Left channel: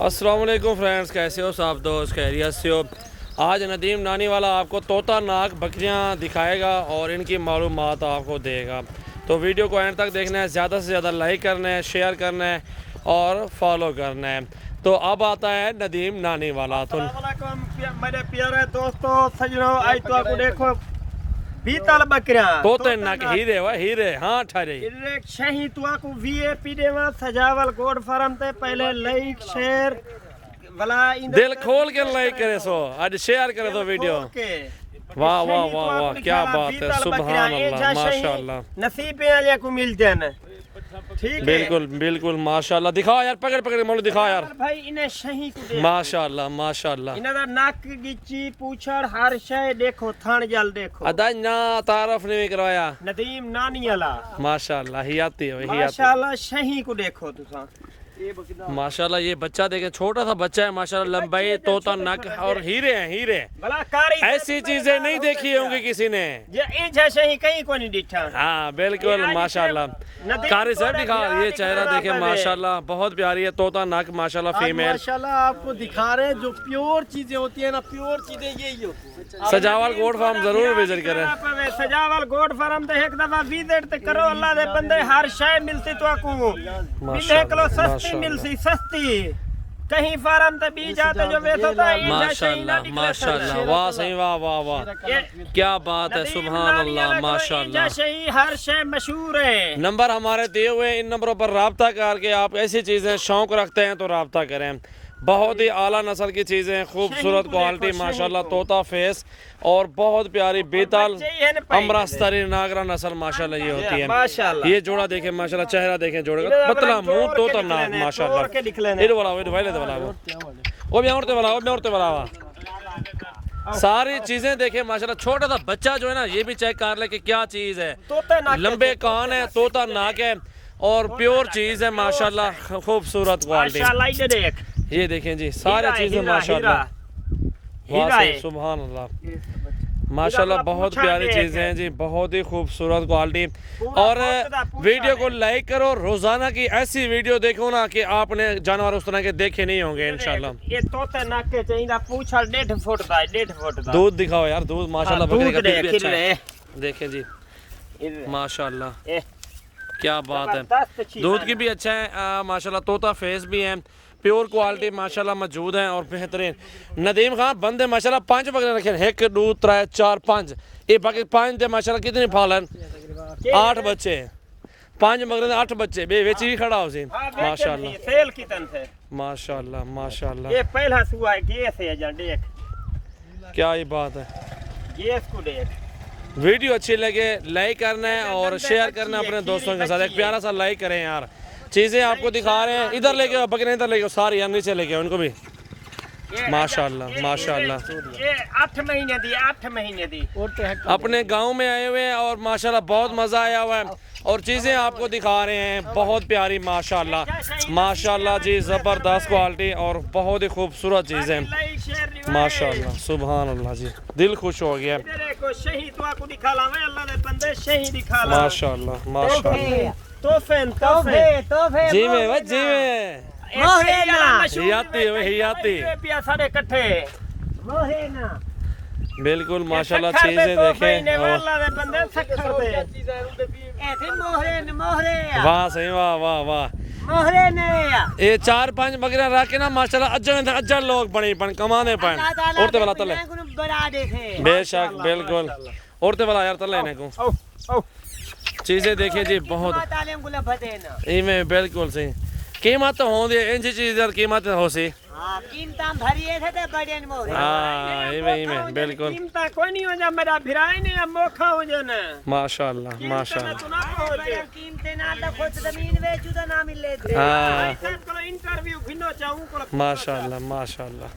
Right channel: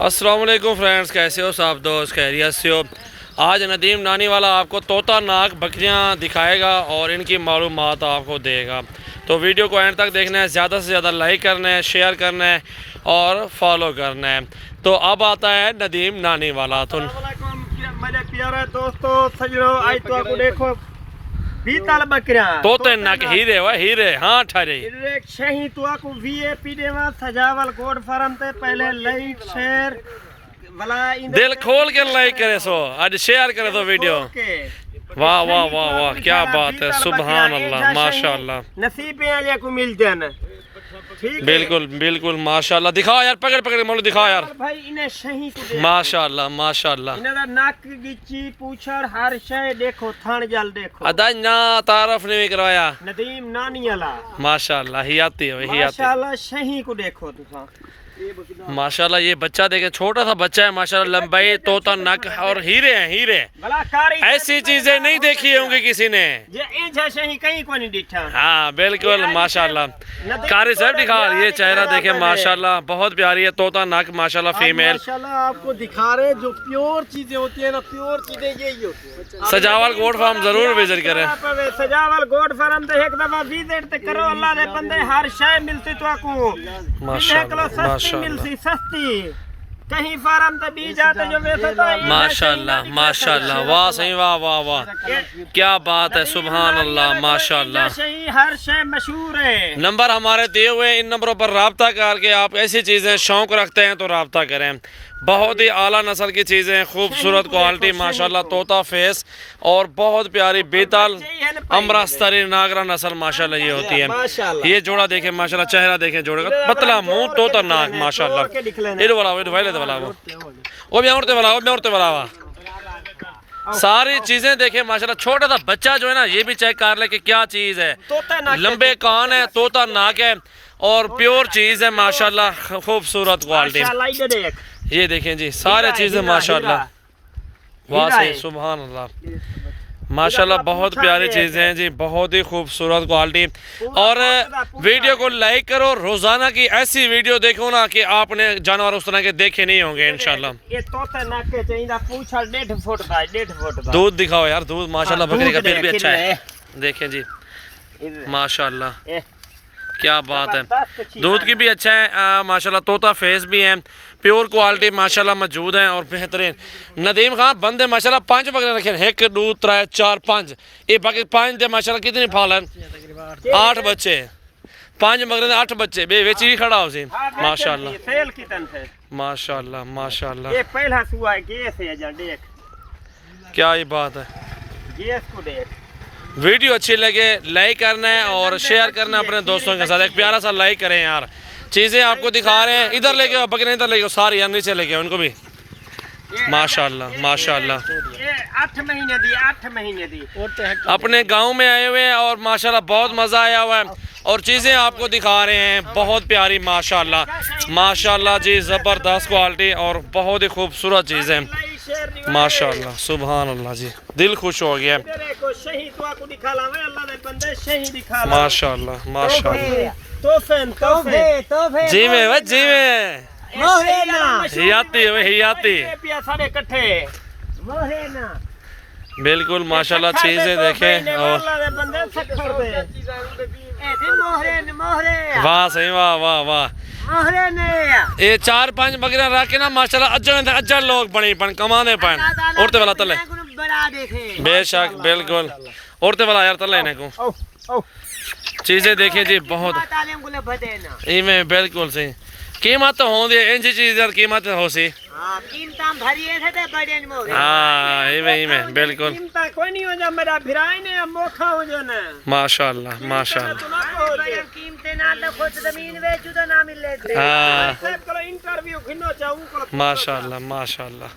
अस्सलाम वालेकुम फ्रेंड्स, कैसे हो सब दोस्त? खैरियत से हो? आज नदीम नानी वाला आपको तोता नाक बकरियां दिखाएगा और इनकी मालूमात आपको देगा। तो वीडियो को एंड तक देखना है, ज़्यादा से ज़्यादा लाइक करना है, शेयर करना है और फॉलो करना है। तो अब आता है नदीम नानी वाला। तो मेरे प्यारे दोस्तों सजनों, आज तो आपको देखो बीतल बकरियां तोते नाक हीरे वा हीरे हाँ ठहरे एक शही तो आपको वीआईपी देवा सजावल गोड फार्म ते पहले लाइक शेयर वाला दिल खोल के लाइक करे सो आज शेयर करे तो वीडियो। वाह वाह वाह वाह, क्या बात है, सुभान अल्लाह, माशाल्लाह। नसीब वाले को मिलते हैं। ठीक बिल्कुल बिल्कुल माशाल्लाह। दिखाओ यार, पकड़ पकड़ मोलू दिखाओ यार भाई इन्हें शही को माशाल्लाह माशाल्लाह। इन्हें दा नाक गिच्ची पूछड़ हर शय देखो, थान जल देखो। अदा ना तारफ नहीं करवाया नदीम नानी वाला माशाल्लाह। ही आती है ही आती माशाल्लाह। शही को देखो तुसा माशाल्लाह। ये बच्चा देखे, छोटा सा बच्चा है माशाल्लाह, लंबाई तोता नक और हीरे हैं हीरे। ऐसी चीजें नहीं देखी होंगी किसी ने। कहीं को नहीं दिखा। हाँ बिल्कुल माशाल्लाह। कारी साहब दिखा, ये चेहरा देखे माशाल्लाह, बहुत प्यारी है। तोता नक माशाल्लाह फीमेल। माशाल्लाह आपको दिखा रहे जो प्योर चीजें होती है ना, प्योर चीजें यही होती है। सजावल गोड फार्म जरूर विजिट करें। सजावल गोड फार्म ते एक दफा विजिट करो, अल्लाह दे बंदे हर शय मिलती तो आपको माशाल्लाह मिलती सस्ती। कहीं फार्म ते बीज आते जो वेचता है। माशाल्लाह माशाल्लाह, वाह सही, वाह वाह वाह, क्या बात है, सुभान अल्लाह माशाल्लाह। हर शय मशहूर है। नंबर हमारे दिए हुए, इन नंबरों पर रब्ता करके आप ऐसी चीज़ें शौक रखते हैं तो रब्ता करें। बहुत ही आला नस्ल की चीज़ें, खूबसूरत क्वालिटी माशाल्लाह, तोता फेस और बहुत प्यारी बेताल अमरास्तरी नागरा नस्ल माशाल्लाह ये होती है। ये जोड़ा देखें माशाल्लाह, चेहरा देखें जोड़े का, पतला मुंह, तोता नाक माशाल्लाह। इधर वाला वो भी औरतें वाला सारी चीजें देखें माशाल्लाह। छोटा सा बच्चा जो है ना, ये भी चेक कर ले कि क्या चीज़ है। लंबे कान है, तोता नाक है और प्योर चीज़ है माशाल्लाह, खूबसूरत क्वालिटी। ये देखें जी, सारे चीजें माशाल्लाह, वाह सही, सुभान अल्लाह माशाल्लाह। बहुत प्यारी चीजें हैं जी, बहुत ही खूबसूरत क्वालिटी। और वीडियो को लाइक करो, रोजाना की ऐसी वीडियो देखो ना कि आपने जानवर उस तरह के देखे नहीं होंगे इंशाल्लाह। ये तोता नाक के चाहिए पूछा 1.5 फुट का, 1.5 फुट का। दूध दिखाओ यार, दूध माशाल्लाह बकरी का दूध भी अच्छा है। देखें जी माशाल्लाह, क्या बात है, दूध की भी अच्छा है माशाल्लाह। तोता फेस भी है, प्योर क्वालिटी माशाल्लाह मौजूद है और बेहतरीन। नदीम खान बंदे माशाल्लाह 5 बकरे रखे, 1 2 3 4 5। ये बाकी 5 दे माशाल्लाह कितनी फालन, 8 बच्चे, 5 बकरे 8 बच्चे बेची ही खड़ा हो सी माशाल्लाह। सेल कितन थे माशाल्लाह माशाल्लाह। ये पहला सुआ गैस है जा देख, क्या ये बात है। गैस को देख। वीडियो अच्छी लगे लाइक करना है और शेयर करना है अपने दोस्तों के साथ। एक प्यारा सा लाइक करें यार। चीज़ें आपको दिखा रहे हैं, इधर लेके आओ बकरे, इधर लेके आओ सारी यार, नीचे लेके आओ उनको भी माशाल्लाह माशाल्लाह। ये 8 महीने दी, 8 महीने दी। अपने गांव में आए हुए हैं और माशाल्लाह बहुत मज़ा आया हुआ है और चीज़ें आपको दिखा रहे हैं, बहुत प्यारी माशाल्लाह माशाल्लाह जी, ज़बरदस्त क्वालिटी और बहुत ही खूबसूरत चीज़ें माशाल्लाह, सुभान अल्लाह जी, दिल खुश हो गया माशाल्लाह माशाल्लाह। जी में बस जी में ही आती बिल्कुल माशाल्लाह। चीज़ें देखें और वाह सही, वाह वाह वाह। ये 4-5 बकरियां रख के ना माशाल्लाह अज्जर लोग बनी पन कमाने पन औरते वाला तले बेशक बिल्कुल औरते वाला यार तले ने को चीजें देखें जी, बहुत इमें बिल्कुल सही कीमत तो होंदी इन चीज यार, कीमत हो सी हाँ इमें बिल्कुल माशाल्लाह माशाल्लाह माशाल्लाह माशाल्लाह।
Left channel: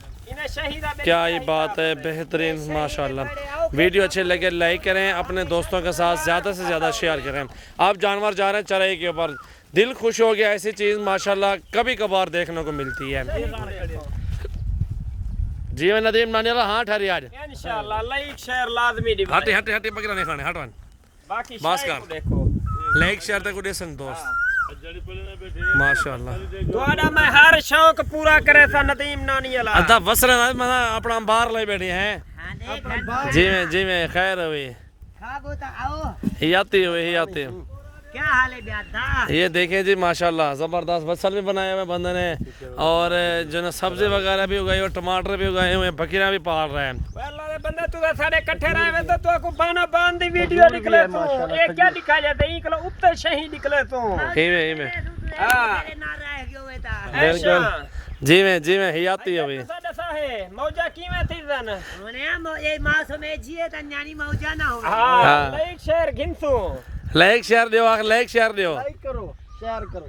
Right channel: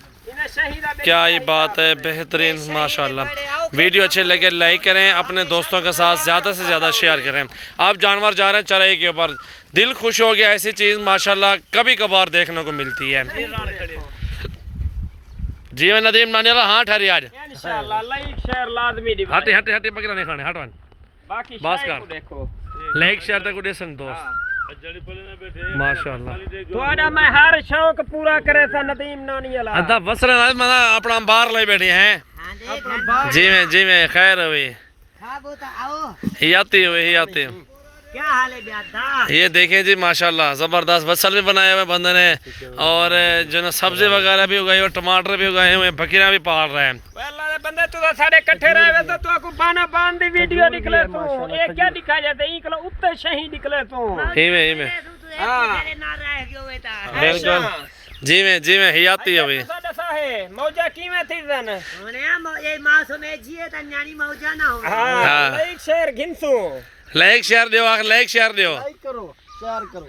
क्या ये बात है, बेहतरीन माशाल्लाह। वीडियो अच्छे लगे लाइक करें, अपने दोस्तों के साथ ज़्यादा से ज़्यादा शेयर करें। आप जानवर जा रहे हैं चराई के ऊपर, दिल खुश हो गया, ऐसी चीज़ माशाल्लाह कभी कभार देखने को मिलती है। जी मैं नदीम नानी वाला हाँ ठहरी आज इंशाल्लाह लाइक शेयर लाजमी दी। हटे हटे हटे बकरा नहीं खाने हटवान बाकी बस कर देखो लाइक शेयर तक उड़े सन दोस्त। माशाल्लाह ਤੁਹਾਡਾ मैं हर शौक पूरा करे सा नदीम नानी वाला अदा वसरे ना मना अपना बाहर ले बैठे हैं अपना बाप जी में खैर हुई हियाती हुई हियाती क्या हाल है ब्यादा ये देखें जी माशाल्लाह ज़बरदस्त वसल भी बनाए हुए बंदे ने और जो ना सब्जी वगैरह भी उगाई और टमाटर भी उगाए हुए बकरियां भी पाल रहे हैं अल्लाह दे बंदे तू साडे इकट्ठे रहे तो तू को बाना बांध दी वीडियो निकले तू ये क्या दिखा जाते ई कलो उत्ते शही निकले तू ही में बिल्कुल जी में हियाती हुई साडा साहे मौजा कीमे थी जन ये मासो में जिए त न्यानी मौजा ना हो हां एक शेर गिनसू लाइक शेयर दियो लाइक शेयर दियो लाइक करो शेयर करो